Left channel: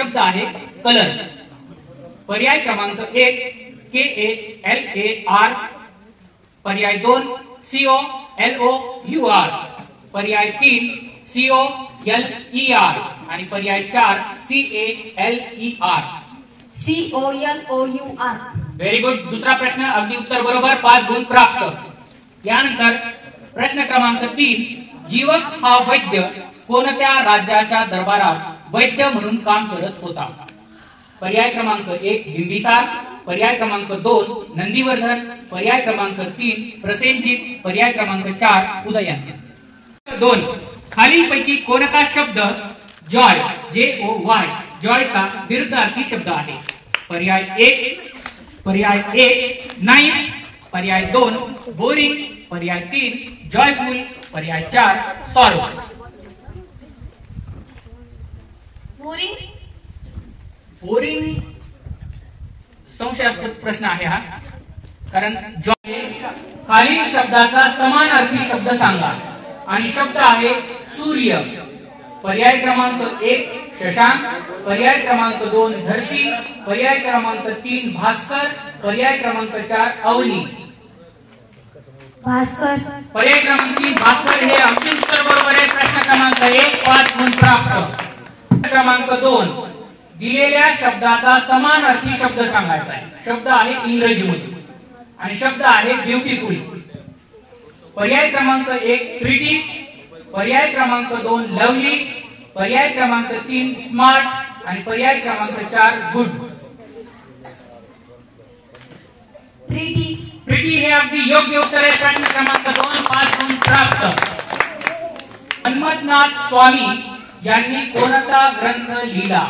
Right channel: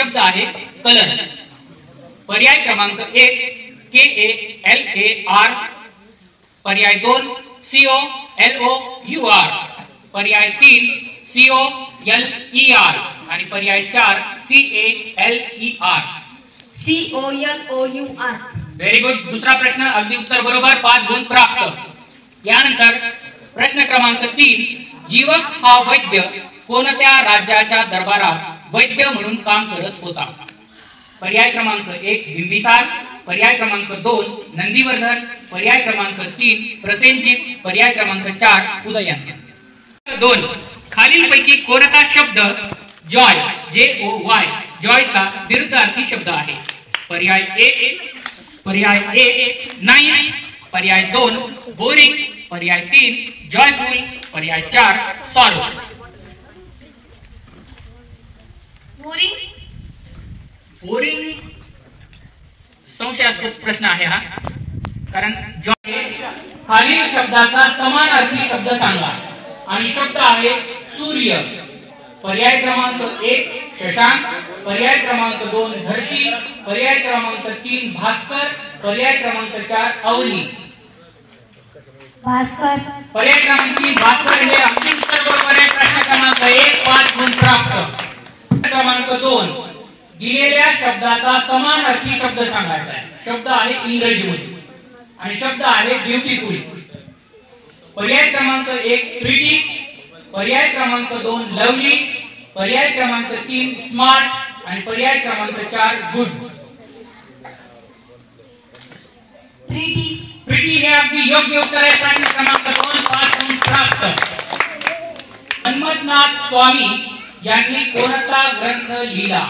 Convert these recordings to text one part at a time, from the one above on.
शब्द आहे कलर. पर्याय क्रमांक 1 KALAR, पर्याय 2 COLOUR, पर्याय 3 COLER आणि पर्याय 4 CALER. COLOUR. Very good. दुसरा प्रश्न अगदी उत्तर बरोबर, 5 गुण प्राप्त. यानंतर प्रश्न क्रमांक 3, जीवक हा वैद्य कोणत्या राज्याच्या दरबारात वैद्य म्हणून काम करत होता? पर्याय क्रमांक 1 बिंबिसार, पर्याय क्रमांक 2 नंदीवर्धन, पर्याय क्रमांक 3 प्रसेनजित, पर्याय क्रमांक 4 उदयन. 2, खालीलपैकी कोणता शब्द जॉय JOY जॉयचा विरुद्धार्थी शब्द आहे? पर्याय 1 नाईस, पर्याय 2 बोरिंग, पर्याय 3 जॉयफुल, पर्याय 4 सॉरो. बोरिंग संशयास्पद प्रश्न आहे हा, कारण जॉय खालील शब्दाचा समानार्थी शब्द सांगा आणि शब्द आहे सूर्य. पर्याय क्रमांक 1 शशांक, पर्याय क्रमांक 2 धरती, पर्याय क्रमांक 3 भास्कर, पर्याय क्रमांक 4 अवनी. भास्कर. पर्याय क्रमांक 3 भास्कर हे अंतिम उत्तर बरोबर आहे. प्रश्न क्रमांक 1 5 गुण प्राप्त. क्रमांक 2, दिलेल्या शब्दाचा समानार्थी शब्द सांगायचा आहे. शब्द आहे इंग्रजीमध्ये आणि शब्द आहे ब्युटिफुल. पर्याय क्रमांक 1 प्रिटी, पर्याय क्रमांक 2 लवली, पर्याय क्रमांक 3 स्मार्ट आणि पर्याय क्रमांक 4 गुड. प्रिटी हे अगदी योग्य उत्तर आहे. प्रश्न क्रमांक 2 5 गुण प्राप्त. हनुमंतनाथ स्वामी यांनी कोणता ग्रंथ लिहिला?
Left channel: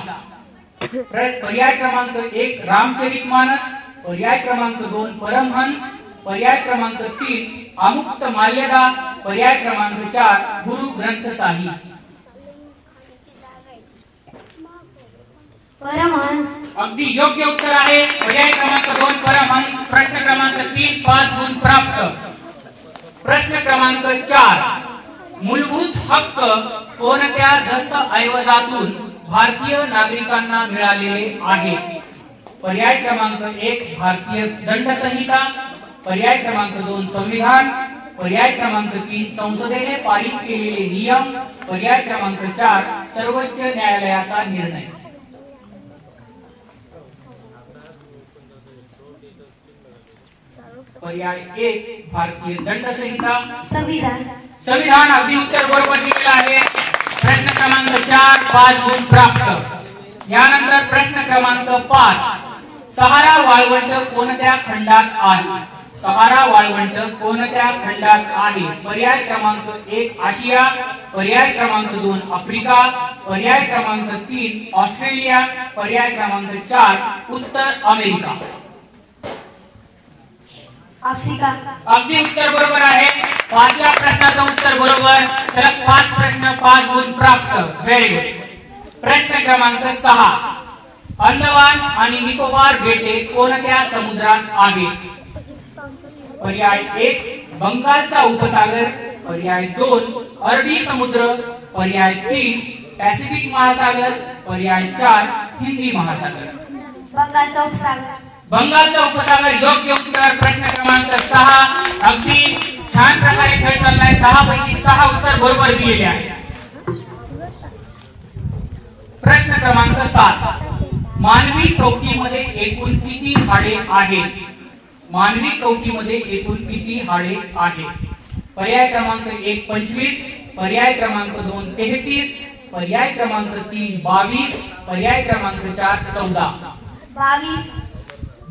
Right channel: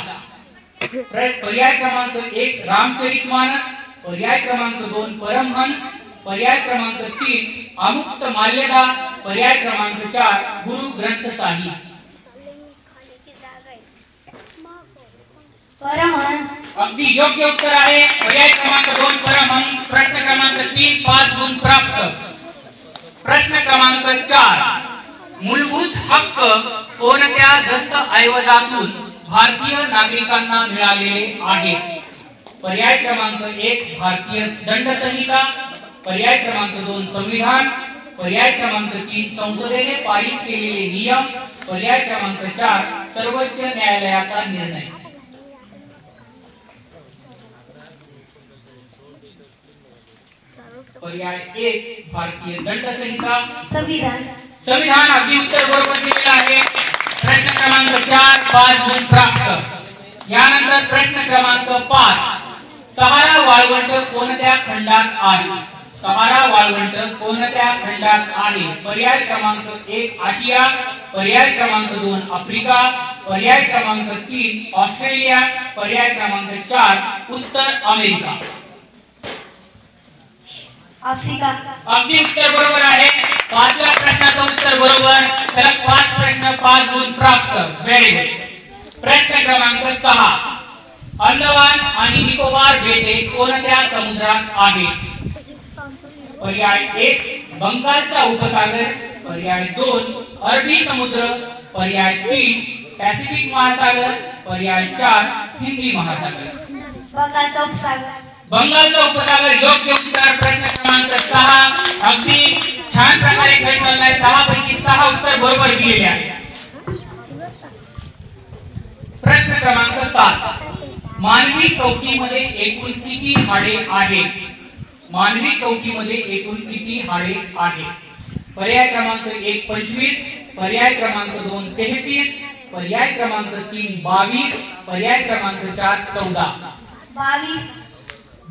पर्याय क्रमांक 1 रामचरितमानस, पर्याय क्रमांक 2 परमहंस, पर्याय क्रमांक 3 अमुक्त माल्यदा, पर्याय क्रमांक 4 गुरु ग्रंथ साहिब. परमहंस. अगदी योग्य उत्तर आहे. पर्याय क्रमांक 2 परमहंस. प्रश्न क्रमांक 3 5 गुण प्राप्त. प्रश्न क्रमांक 4, मूलभूत हक्क कोणत्या दस्तऐवजातून भारतीय नागरिकांना मिळालेले आहेत? पर्याय क्रमांक 1 भारतीय दंड संहिता, पर्याय क्रमांक 2 संविधान, पर्याय क्रमांक 3 संसदेने पारित केलेले नियम, पर्याय क्रमांक 4 सर्वोच्च न्यायालयाचा निर्णय. पर्याय 1 भारतीय दंड संहिता. संविधान अगदी उत्तर बरोबर दिलेलं आहे. प्रश्न क्रमांक 4 5 गुण प्राप्त. यानंतर प्रश्न क्रमांक 5, सहारा वाळवंट कोणत्या खंडात आहे? सहारा वाळवंट कोणत्या खंडात आहे? पर्याय क्रमांक 1 आशिया, पर्याय क्रमांक 2 आफ्रिका, पर्याय क्रमांक 3 ऑस्ट्रेलिया, पर्याय क्रमांक 4 उत्तर अमेरिका. आफ्रिका. अगदी उत्तर बरोबर आहे. 5व्या प्रश्नाचं उत्तर बरोबर. सलग 5 प्रश्न 5 गुण प्राप्त. Very good. प्रश्न क्रमांक 6, अंदमान आणि निकोबार बेटे कोणत्या समुद्रात आहेत? पर्याय 1 बंगालचा उपसागर, पर्याय 2 अरबी समुद्र, पर्याय 3 पॅसिफिक महासागर, पर्याय 4 हिंदी महासागर. बंगालचा उपसागर. बंगालचा उपसागर योग्य उत्तर. प्रश्न क्रमांक 6 अगदी छान प्रकारे खेळ चाललाय. 6 पैकी 6 उत्तर बरोबर दिलेले आहे. प्रश्न क्रमांक 7, मानवी कवटीमध्ये एकूण किती हाडे आहेत? मानवी कवटीमध्ये एकूण किती हाडे आहेत? पर्याय क्रमांक 1 25, पर्याय क्रमांक 2 33, पर्याय क्रमांक 3 22, पर्याय क्रमांक 4 14.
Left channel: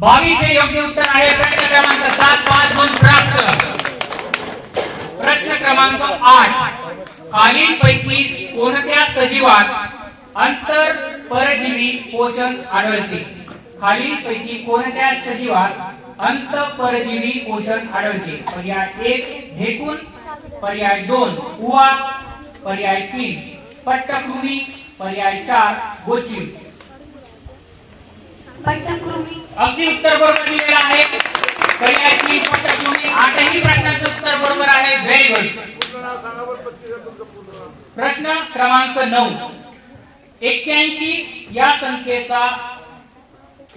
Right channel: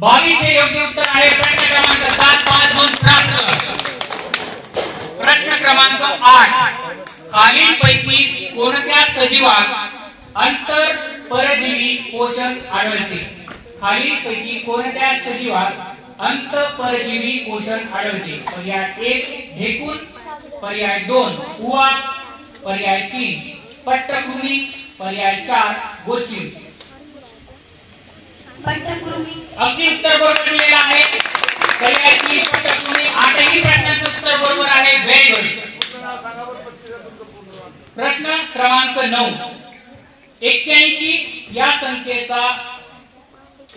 22 हे योग्य उत्तर आहे. प्रश्न क्रमांक 7 5 गुण प्राप्त. प्रश्न क्रमांक 8, खालीलपैकी कोणत्या सजीवात अंतर परजीवी पोषण आढळते? खालीलपैकी कोणत्या सजीवात अंतःपरजीवी पोषण आढळते? पर्याय 1 ढेकूण, पर्याय 2 उवा, पर्याय 3 पट्टकृमी, पर्याय 4 गोचिड. अगदी उत्तर बरोबर दिलेलं आहे. पर्याय 3 पट्टकृमी. 8ही प्रश्नाचं उत्तर बरोबर आहे. Very good. प्रश्न क्रमांक 9, 81 या संख्येचा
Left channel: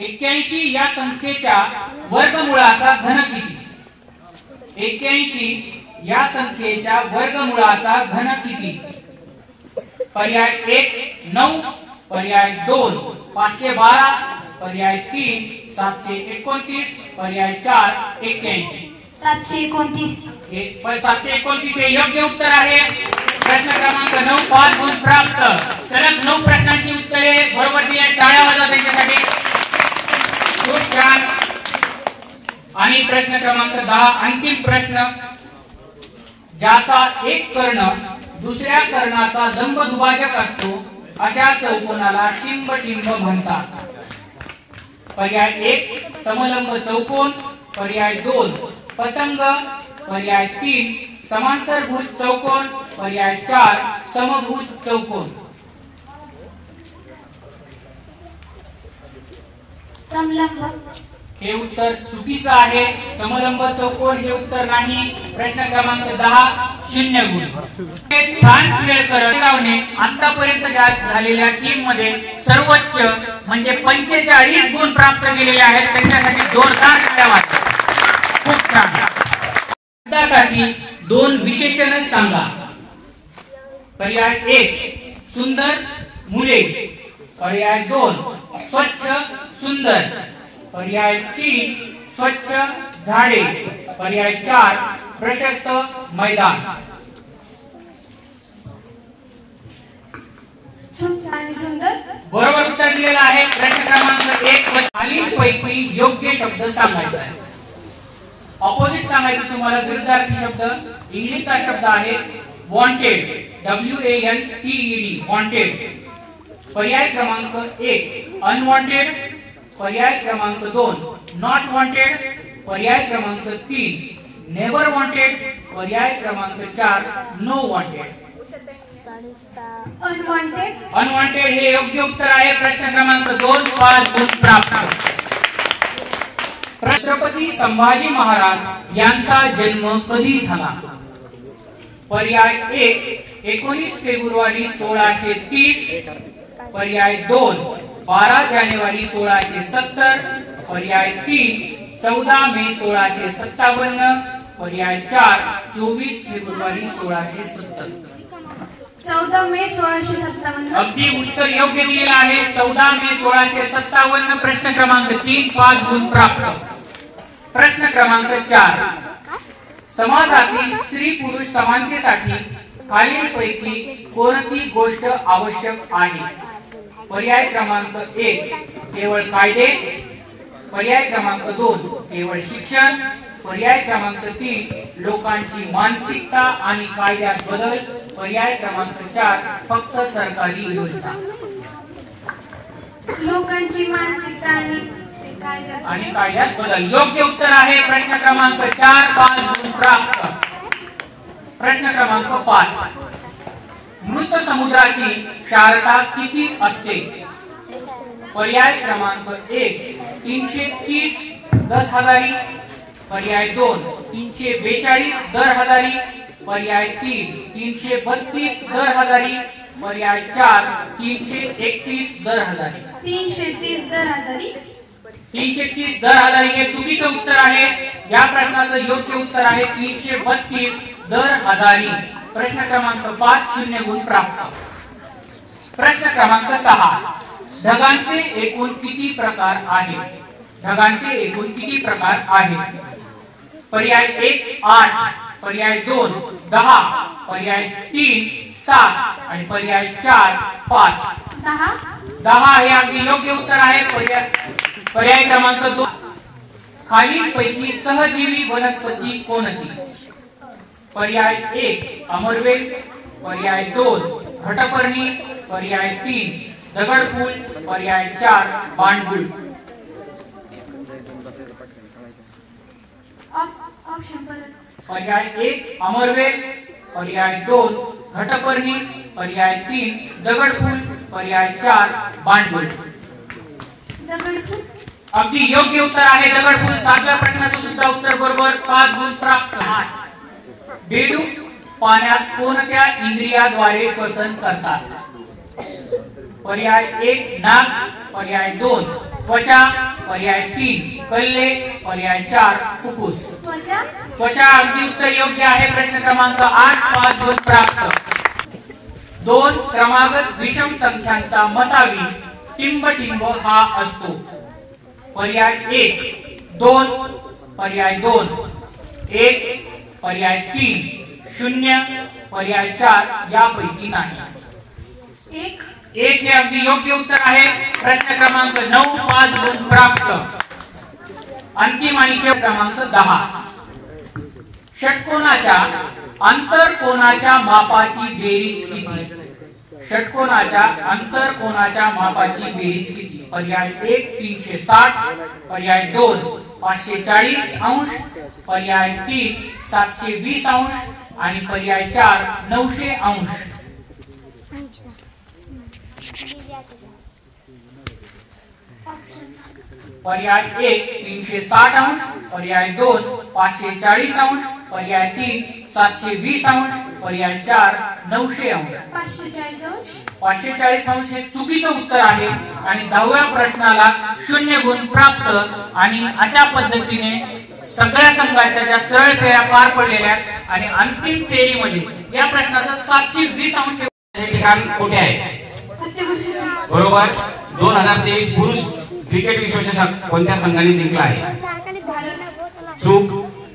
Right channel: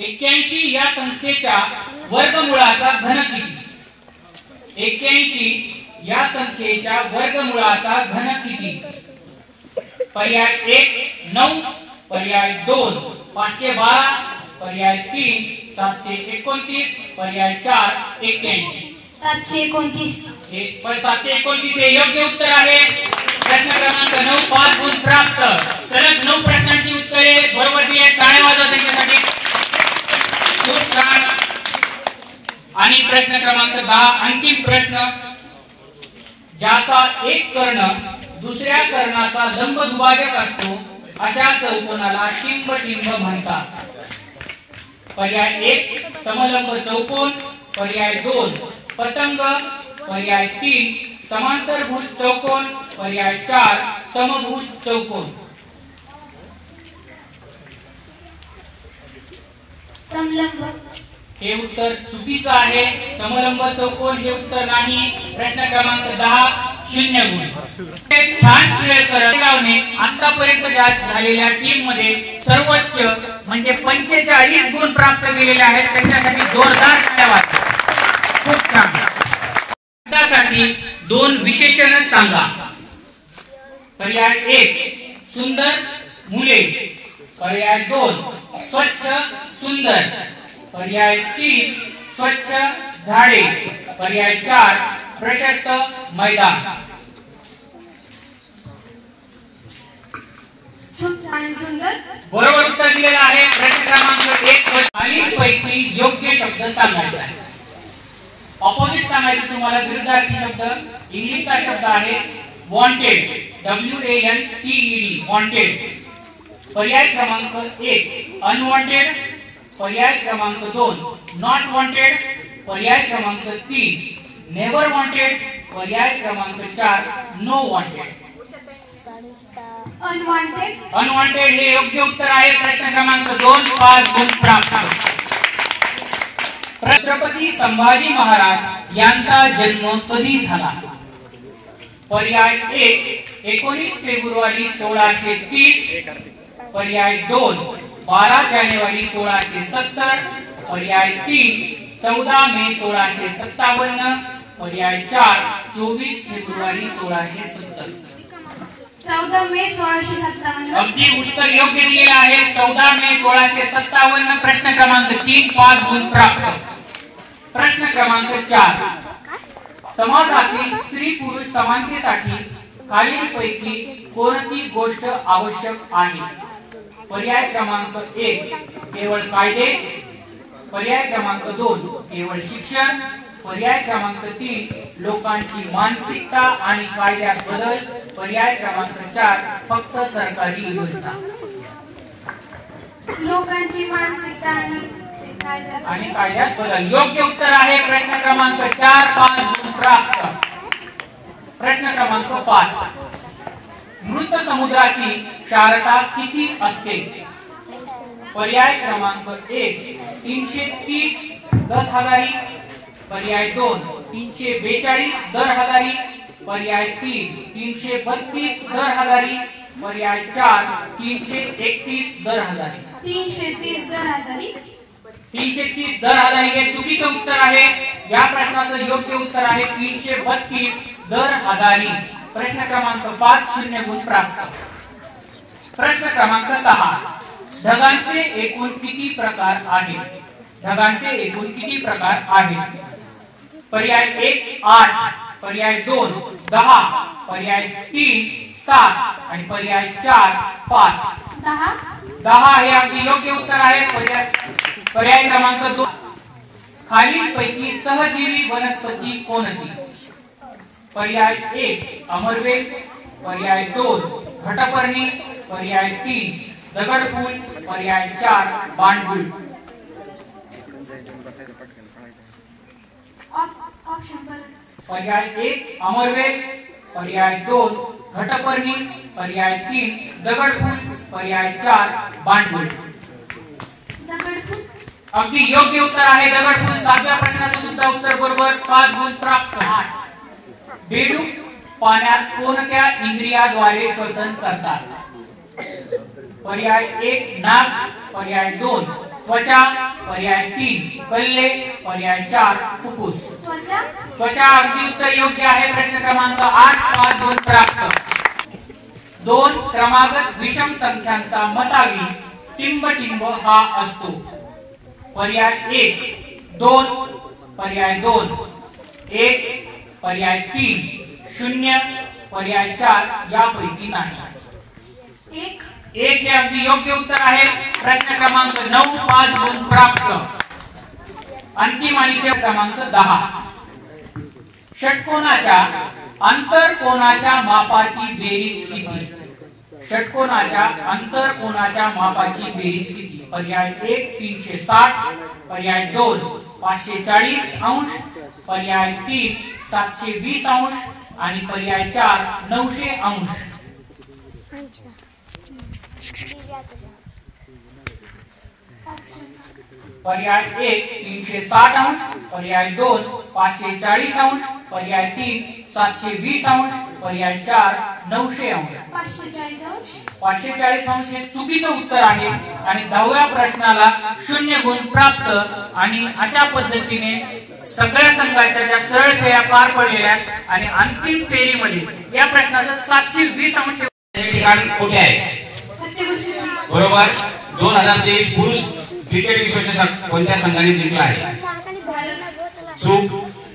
81 या संख्येच्या वर्गमूळाचा घन किती? 81 या संख्येच्या वर्गमूळाचा घन किती? पर्याय 1 9, पर्याय 2 512, पर्याय 3 729, पर्याय 4 81. 729. 729 हे योग्य उत्तर आहे. प्रश्न क्रमांक 9 5 गुण प्राप्त. सलग 9 प्रश्नांची उत्तरे बरोबर दिली. टाळ्या वाजवा त्यांच्यासाठी. खूप छान. आणि प्रश्न क्रमांक 10 अंतिम प्रश्न. ज्याचा एक कर्ण दुसऱ्या कर्णाचा लंब दुभाजक असतो अशा चौकोनाला टिंब म्हणतात. पर्याय 1 समलंब चौकोन, पर्याय 2 पतंग, पर्याय 3 समांतरभुज चौकोन, पर्याय 4 समभुज चौकोन. समलंब. हे उत्तर चुकीचं आहे. समलंब चौकोन हे उत्तर नाही. प्रश्न क्रमांक 10 0 गुण. छान खेळ करणे आतापर्यंत झालेल्या टीम मध्ये सर्वोच्च म्हणजे 45 गुण प्राप्त केलेले आहेत. त्यांच्यासाठी जोरदार टाळ्या वाजवा. खूप छान. त्यासाठी 2 विशेषण सांगा. पर्याय 1 सुंदर मुले, पर्याय 2 स्वच्छ सुंदर, पर्याय 3 स्वच्छ झाडे, पर्याय 4 प्रशस्त मैदान. सुंदर बरोबर उत्तर दिलेलं आहे. प्रश्न क्रमांक 1 खालीलपैकी योग्य शब्द सांगायचा आहे. ऑपोजिट सांगायचं तुम्हाला. विरुद्धार्थी शब्द इंग्लिशचा शब्द आहे वॉन्टेड, WANTED वॉन्टेड. पर्याय क्रमांक 1 अनवॉन्टेड, पर्याय क्रमांक 2 नॉट वॉन्टेड, पर्याय क्रमांक 3 नेव्हर वॉन्टेड, पर्याय क्रमांक 4 नो वॉन्टेड. अनवॉन्टेड. अनवॉन्टेड हे योग्य उत्तर आहे. प्रश्न क्रमांक 2 5 गुण प्राप्त. छत्रपती संभाजी महाराज यांचा जन्म कधी झाला? पर्याय 1 19 फेब्रुवारी 1630, पर्याय 2 12 जानेवारी 1670, पर्याय 3 14 मे 1657, पर्याय 4 24 फेब्रुवारी 1670. 14 मे 1657. अगदी उत्तर योग्य दिलेलं आहे. 14 मे 1657. प्रश्न क्रमांक 3 5 गुण प्राप्त. प्रश्न क्रमांक 4 समाजातील स्त्री पुरुष समानतेसाठी खालीलपैकी कोणती गोष्ट आवश्यक आहे? पर्याय क्रमांक 1 केवळ कायदे, पर्याय क्रमांक 2 केवळ शिक्षण, पर्याय क्रमांक 3 लोकांची मानसिकता आणि कायद्यात बदल, पर्याय क्रमांक 4 फक्त सरकारी योजना. लोकांची मानसिकता आणि कायद्यात बदल योग्य उत्तर आहे. प्रश्न क्रमांक 4 5 गुण प्राप्त. प्रश्न क्रमांक 5 मृत समुद्राची क्षारता किती असते? पर्याय क्रमांक 1 330 10,000, पर्याय 2 342 दर हजारी, पर्याय 3 332 दर हजारी, पर्याय 4 331 दर हजारी. 330 दर हजारी. 330 दर हजारी हे चुकीचं उत्तर आहे. या प्रश्नाचं योग्य उत्तर आहे 332 दर हजारी. प्रश्न क्रमांक 5 0 गुण प्राप्त. प्रश्न क्रमांक 6 ढगांचे एकूण किती प्रकार आहेत? ढगांचे एकूण किती प्रकार आहेत? पर्याय 1 8, पर्याय 2 10, पर्याय 3 7 आणि पर्याय 4 5. 10 हे अगदी योग्य उत्तर आहे. पर्याय क्रमांक 2 खालीलपैकी सहजीवी वनस्पती कोणती? पर्याय 1 अमरवेल, पर्याय 2 घटपर्णी, पर्याय 3 दगडफूल, पर्याय 4 बांडगुळ. पर्याय 1 अमरवेल, पर्याय 2 घटपर्णी, पर्याय 3 दगडफूल, पर्याय 4 बांडगुळ. अगदी योग्य उत्तर आहे दगडफूल. 7व्या प्रश्नाचं सुद्धा उत्तर बरोबर. 5 गुण प्राप्त. बेडूक पाण्यात कोणत्या इंद्रियाद्वारे श्वसन करतात? पर्याय 1 नाक, पर्याय 2 त्वचा, पर्याय 3 कल्ले, पर्याय 4 फुफ्फुस. त्वचा अगदी उत्तर योग्य आहे. प्रश्न क्रमांक 8 5 गुण प्राप्त. 2 क्रमागत विषम संख्यांचा मसावी टिंबटिंब हा असतो. पर्याय 1 2, पर्याय 2 1, पर्याय 3 0, पर्याय 4 यापैकी नाही. 1 हे अगदी योग्य उत्तर आहे. प्रश्न क्रमांक 9 5 गुण प्राप्त. अंतिम आणि शेवट क्रमांक 10. षटकोनाच्या आंतरकोनाच्या मापाची बेरीज किती? षटकोनाच्या आंतरकोनाच्या मापाची बेरीज किती? पर्याय 1 360, पर्याय 2 540 अंश, पर्याय 3 720 अंश आणि पर्याय 4 900 अंश. पर्याय 1 360 अंश, पर्याय 2 540 अंश, पर्याय 3 720 अंश, पर्याय 4 900 अंश. 540 अंश हे चुकीचं उत्तर आहे आणि 10व्या प्रश्नाला 0 गुण प्राप्त. आणि अशा पद्धतीने सगळ्या संघाच्या ज्या सरळ फेऱ्या पार पडलेल्या आणि अंतिम फेरीमध्ये या प्रश्नाचं 720 अंश. हे ठिकाण कुठे आहे? बरोबर. 2023 पुरुष क्रिकेट विश्वचषक कोणत्या संघाने जिंकला आहे? चूक.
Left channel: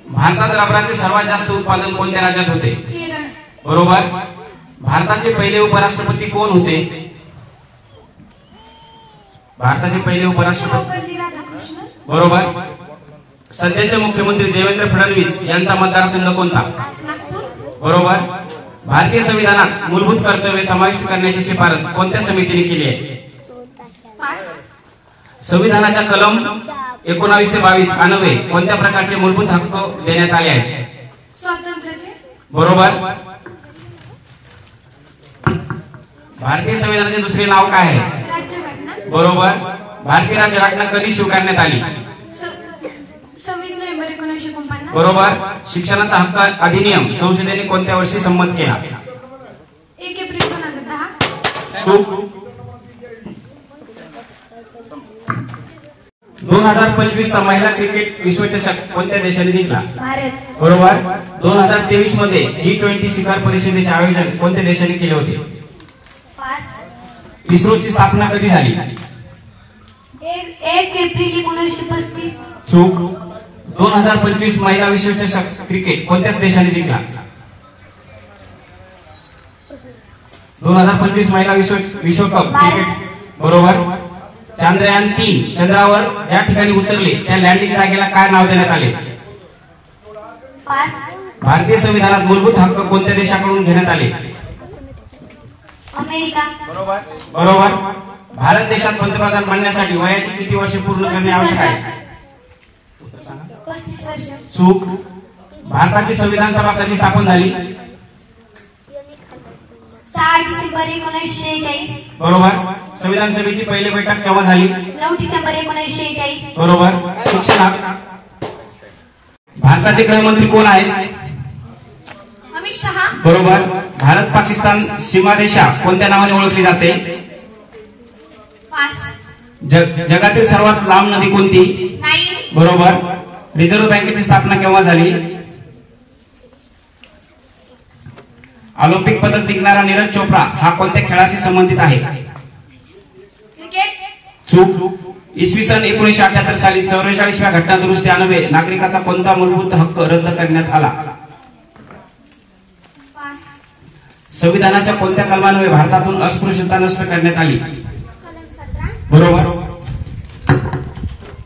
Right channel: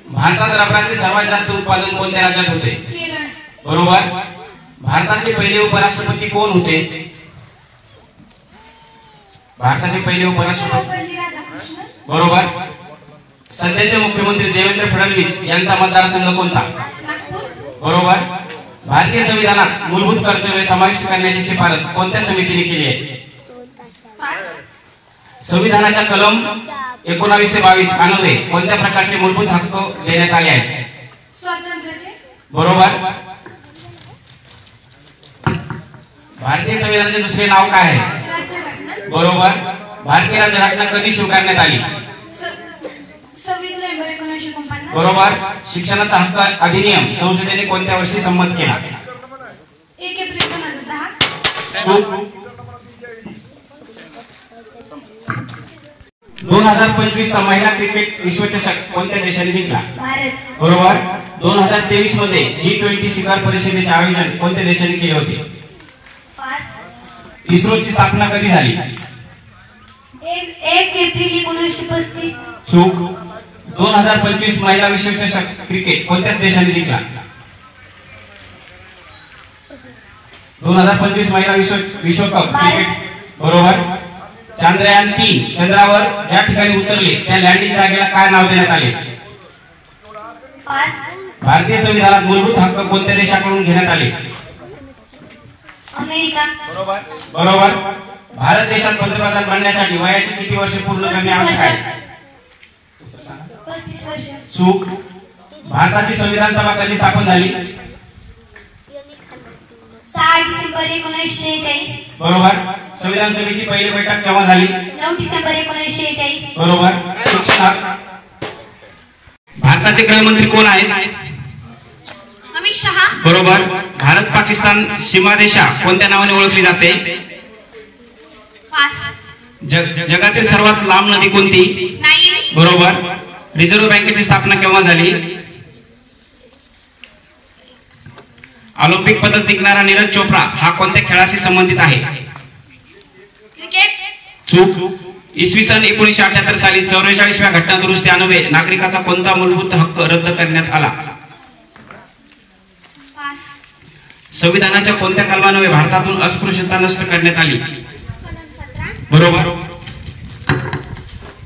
भारतात रबराचे सर्वात जास्त उत्पादन कोणत्या राज्यात होते? बरोबर. भारताचे पहिले उपराष्ट्रपती कोण होते? भारताचे पहिले उपराष्ट्रपती बरोबर. सध्याचे मुख्यमंत्री देवेंद्र फडणवीस यांचा मतदारसंघ कोणता? बरोबर. भारतीय संविधानात मूलभूत कर्तव्ये समाविष्ट करण्याची शिफारस कोणत्या समितीने केली आहे? संविधानाच्या कलम 19 ते 22 अन्वये कोणत्या प्रकारचे मूलभूत हक्क देण्यात आले आहेत? बरोबर. भारतीय संविधानाचे दुसरे नाव काय आहे? बरोबर. भारतीय राज्यघटना कधी स्वीकारण्यात आली? 26 नोव्हेंबर 1949. बरोबर. शिक्षणाचा हक्क अधिनियम संसदेने कोणत्या वर्षी संमत केला? 1 एप्रिल 2010. चूक. 2025 महिला क्रिकेट विश्वचषक कोणत्या देशाने जिंकला? भारत. बरोबर. 2023 मध्ये G20 शिखर परिषदेचे आयोजन कोणत्या देशाने केले होते? इस्रोची स्थापना कधी झाली? 1 एप्रिल 1935. चूक. 2025 महिला विश्वचषक क्रिकेट कोणत्याच देशाने जिंकला? 2025 महिला विश्वकप क्रिकेट बरोबर. चांद्रयान 3 चंद्रावर ज्या ठिकाणी उतरले त्या लँडिंग जागेला काय नाव देण्यात आले? भारतीय संविधानात मूलभूत हक्क कोणत्या देशाकडून घेण्यात आले? अमेरिका. बरोबर. बरोबर. भारत देशात पंतप्रधान बनण्यासाठी वयाची किती वर्ष पूर्ण करणे आवश्यक आहे? 35 वर्ष. चूक. भारताची संविधान सभा कधी स्थापन झाली? 6 डिसेंबर 1946. बरोबर. संविधान सभेची पहिली बैठक केव्हा झाली? 9 डिसेंबर 1946. बरोबर. भारताचे गृहमंत्री कोण आहेत? अमित शहा. बरोबर. भारत पाकिस्तान सीमारेषा कोणत्या नावाने ओळखली जाते? जगातील सर्वात लांब नदी कोणती? नाईल. बरोबर. रिझर्व्ह बँकेची स्थापना केव्हा झाली? ऑलिम्पिक पदक जिंकणारा नीरज चोप्रा हा कोणत्या खेळाशी संबंधित आहे? क्रिकेट. चूक. इसवी सन 1978 साली 44व्या घटना दुरुस्ती अन्वये नागरिकाचा कोणता मूलभूत हक्क रद्द करण्यात आला? संविधानाच्या कोणत्या कलमान्वये भारतातून अस्पृश्यता नष्ट करण्यात आली? बरोबर.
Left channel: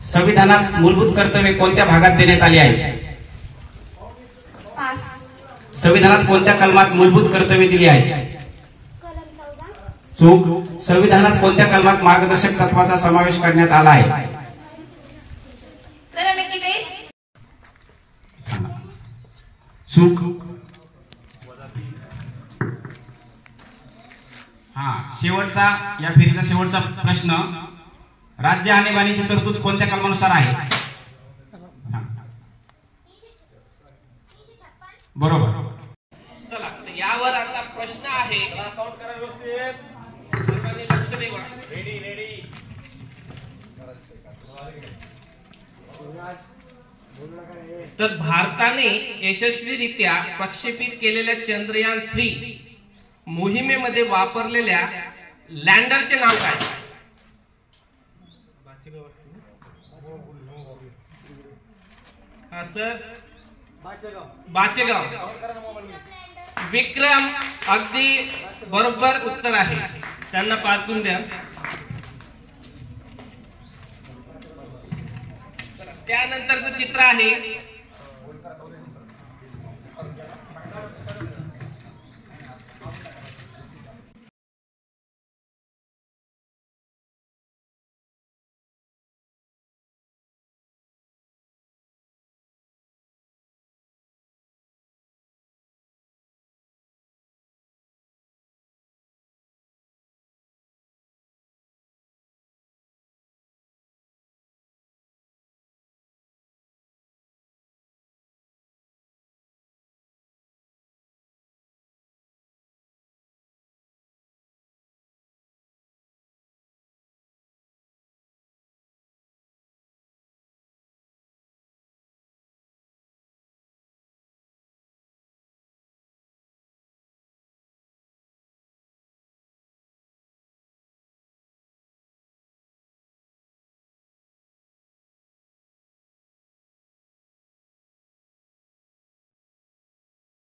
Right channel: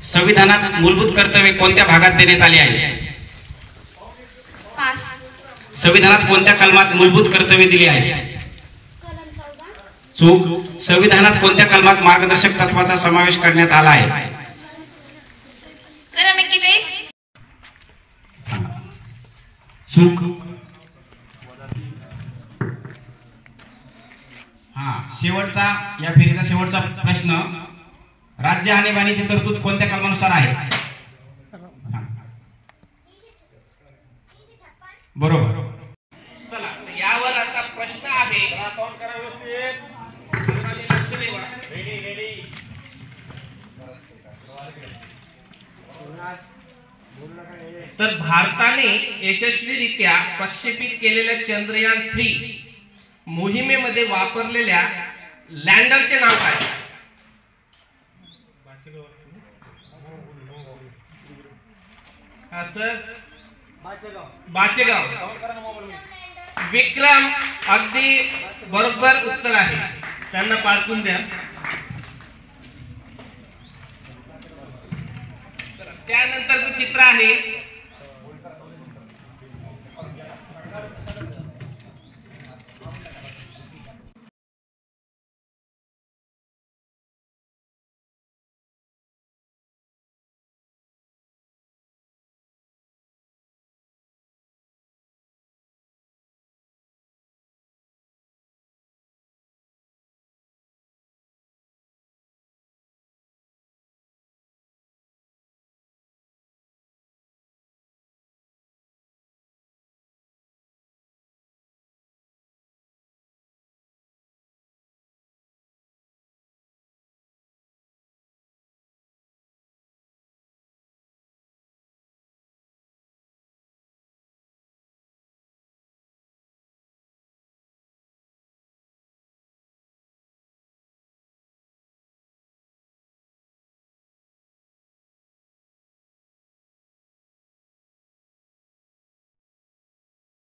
संविधानात मूलभूत कर्तव्ये कोणत्या भागात देण्यात आली आहे? संविधानात कोणत्या कलमात मूलभूत कर्तव्ये दिली आहेत? चूक. संविधानात कोणत्या कलमात मार्गदर्शक तत्वाचा समावेश करण्यात आला आहे? चूक. शेवटचा या फेरीचा शेवटचा प्रश्न, राज्य आणीबाणीची तरतूद कोणत्या कलमानुसार आहे? बरोबर. चला, यावर आता प्रश्न आहे. तर भारताने यशस्वीरित्या प्रक्षेपित केलेल्या चंद्रयान 3 मोहिमेमध्ये वापरलेल्या लँडरचे नाव काय? हा सर, बाचेगाव. विक्रम अगदी बरोबर उत्तर आहे. त्यांना पारखून द्या. त्यानंतरचं चित्र आहे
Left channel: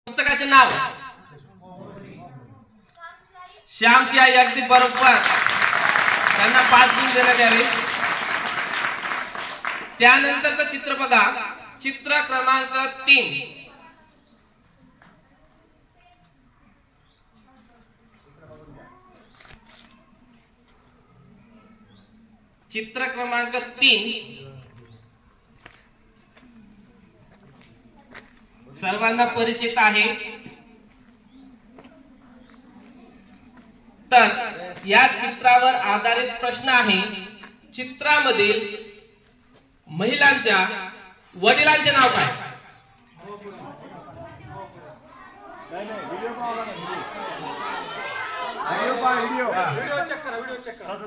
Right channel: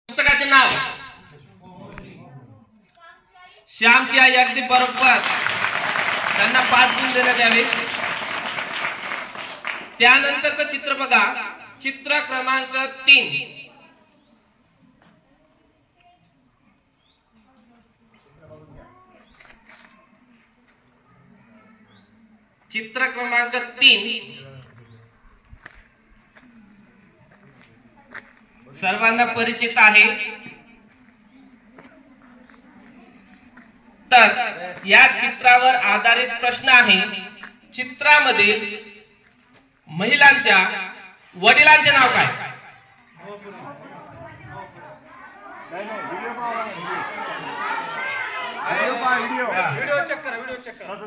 पुस्तकाचे नाव. श्यामची आई. अगदी बरोबर. त्यांना 5 गुण देण्यात यावे. त्यानंतरचं चित्र बघा. चित्र क्रमांक 3. चित्र क्रमांक 3 सर्वांना परिचित आहे. तर या चित्रावर आधारित प्रश्न आहे. चित्रामधील महिलांच्या वडिलांचे नाव काय?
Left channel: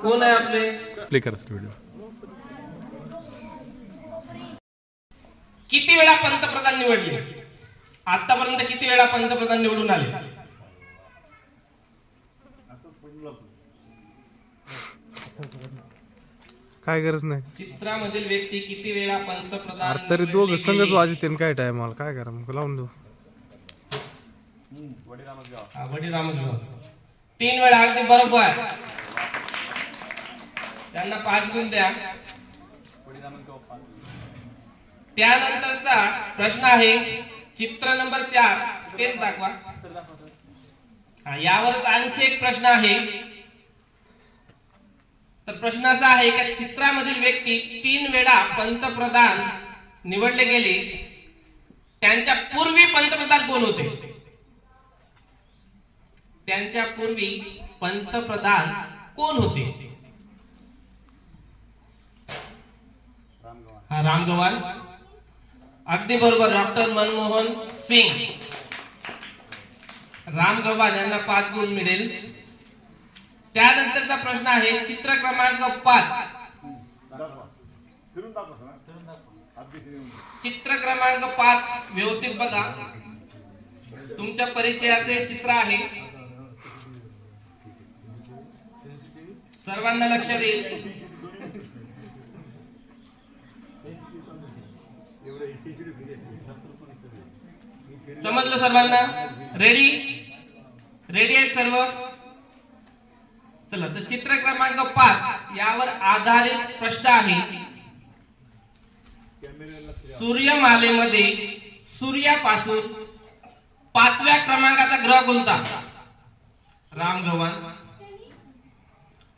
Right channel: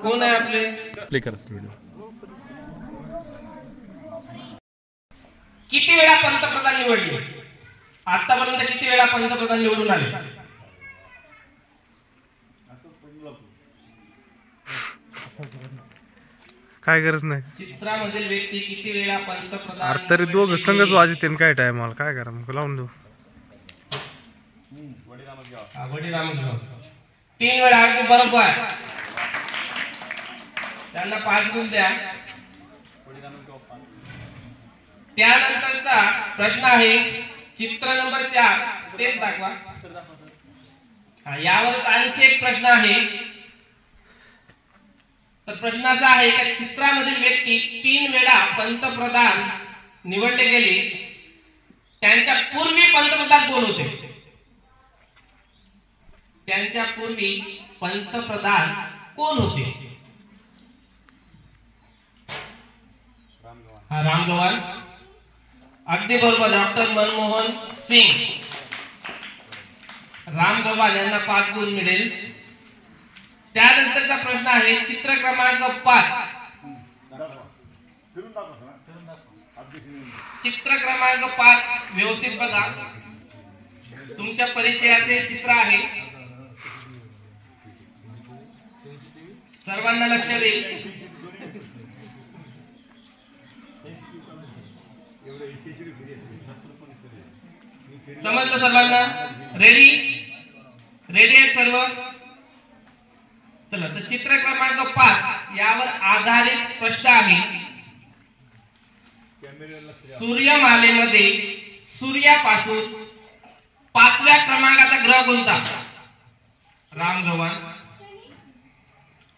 कोण आहे आपले? किती वेळा पंतप्रधान निवडले? आतापर्यंत किती वेळा पंतप्रधान निवडून आले? काय गरज नाही. चित्रामधील व्यक्ती किती वेळा पंतप्रधान? अरे तरी दोघं संघच वाजते काय टायमाला. काय करा मग लावून देऊ. वडिरामसगाव 3 वेळा. अगदी बरोबर. त्यांना 5 गुण द्या. त्यानंतरचा प्रश्न आहे चित्र नंबर 4. तेच दाखवा. यावरच आणखी एक प्रश्न आहे. तर प्रश्न असा आहे की चित्रामधील व्यक्ती 3 वेळा पंतप्रधान निवडले गेले. त्यांच्या पूर्वी पंतप्रधान कोण होते? त्यांच्या पूर्वी पंतप्रधान कोण होते? रामगवान. अगदी बरोबर. डॉक्टर मनमोहन सिंग. रामगवान यांना 5 गुण मिळेल. त्यानंतरचा प्रश्न आहे चित्र क्रमांक 5. चित्र क्रमांक 5 व्यवस्थित बघा. तुमच्या परिचयाचे चित्र आहे. सर्वांना लक्ष देईल. समजलं सर्वांना? रेडी? रेडी आहे सर्व? चला, तर चित्र क्रमांक 5 यावर आधारित प्रश्न आहे. सूर्यमालेमध्ये सूर्यापासून 5व्या क्रमांकाचा ग्रह कोणता? रामगवान.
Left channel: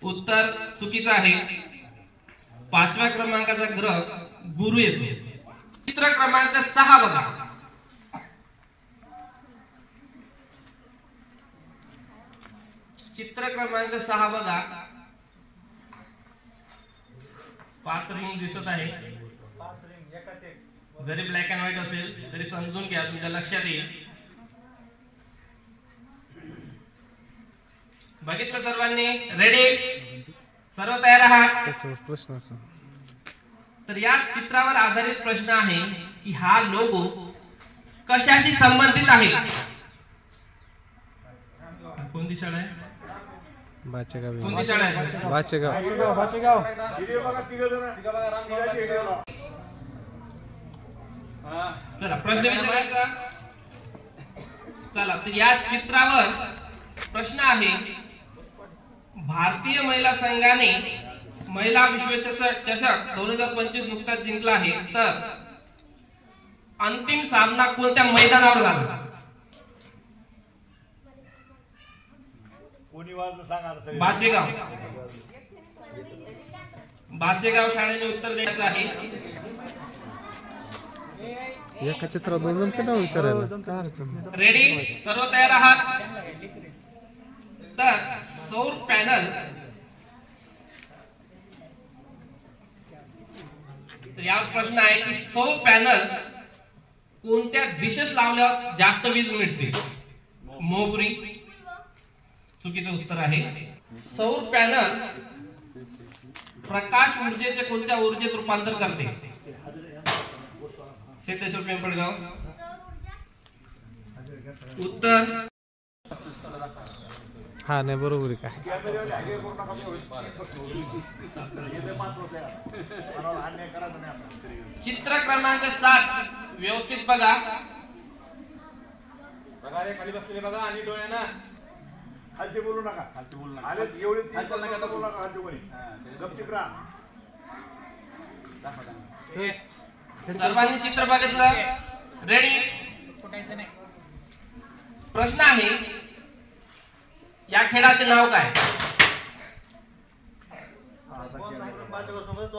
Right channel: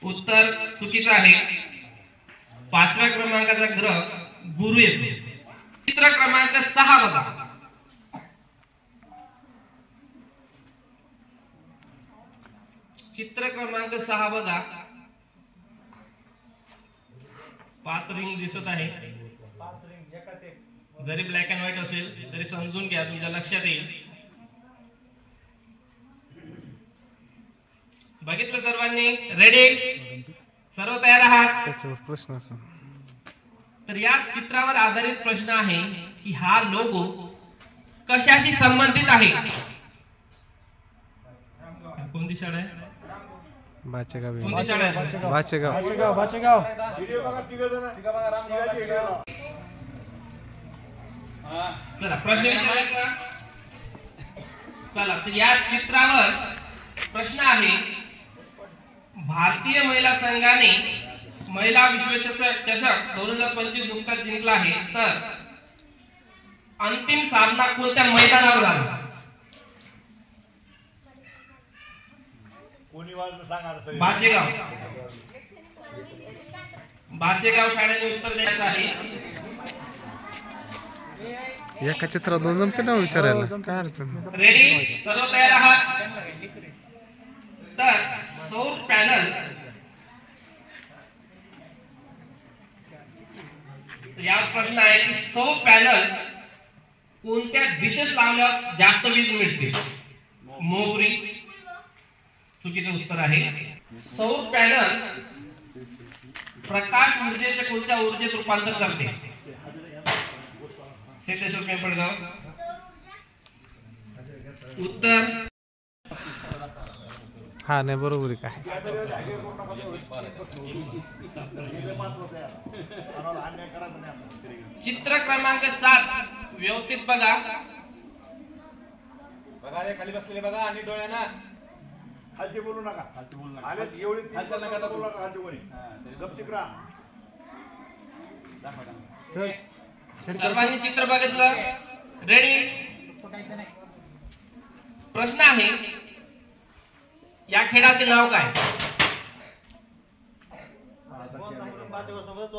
उत्तर चुकीचं आहे. 5व्या क्रमांकाचा ग्रह गुरु येतो. चित्र क्रमांक 6 बघा. चित्र क्रमांक 6 बघा. 5 रिंग दिसत आहे. जरी ब्लॅक अँड व्हाईट असेल तरी समजून घ्या, तुमच्या लक्षात येईल. बघितलं सर्वांनी? रेडी? सर्व तयार आहात? त्याच्यावर प्रश्न असा. तर या चित्रावर आधारित प्रश्न आहे की हा लोगो कशाशी संबंधित आहे? कोणती शाळा आहे? बाचेगाव. कोणती शाळा आहे? बाचेगाव. चला प्रश्न विचारायचा. चला तर या चित्रावर प्रश्न आहे, भारतीय महिला संघाने महिला विश्वचषक 2025 नुकताच जिंकला आहे, तर अंतिम सामना कोणत्या मैदानावर झाला? बाचेगाव. बाचेगाव शाळेने उत्तर द्यायचं आहे. एका चित्रात दोन जमते ना विचारायला, काय अडचण. रेडी? सर्व तयार आहात? तर सौर पॅनल, तर यावर प्रश्न आहे की सौर पॅनल कोणत्या दिशेत लावल्यावर जास्त वीज मिळते? मोहपुरी. चुकीचं उत्तर आहे. सौर पॅनल प्रकाश ऊर्जेचे कोणत्या ऊर्जेत रूपांतर करते? सिद्धेश्वर पिंपळगाव. उत्तर हा नाही बरोबर आहे. काय चित्र क्रमांक 7 व्यवस्थित बघा. खाली बसलेले बघा आणि डोळ्यांना खालची बोलू नका. खालची बोलू नका. एवढी खालची नका बोलू नका. खालची कोणी गपचिप राहा. सर्वांनी चित्र बघितलं? रेडी? प्रश्न आहे, या खेळाचे नाव काय? सोबत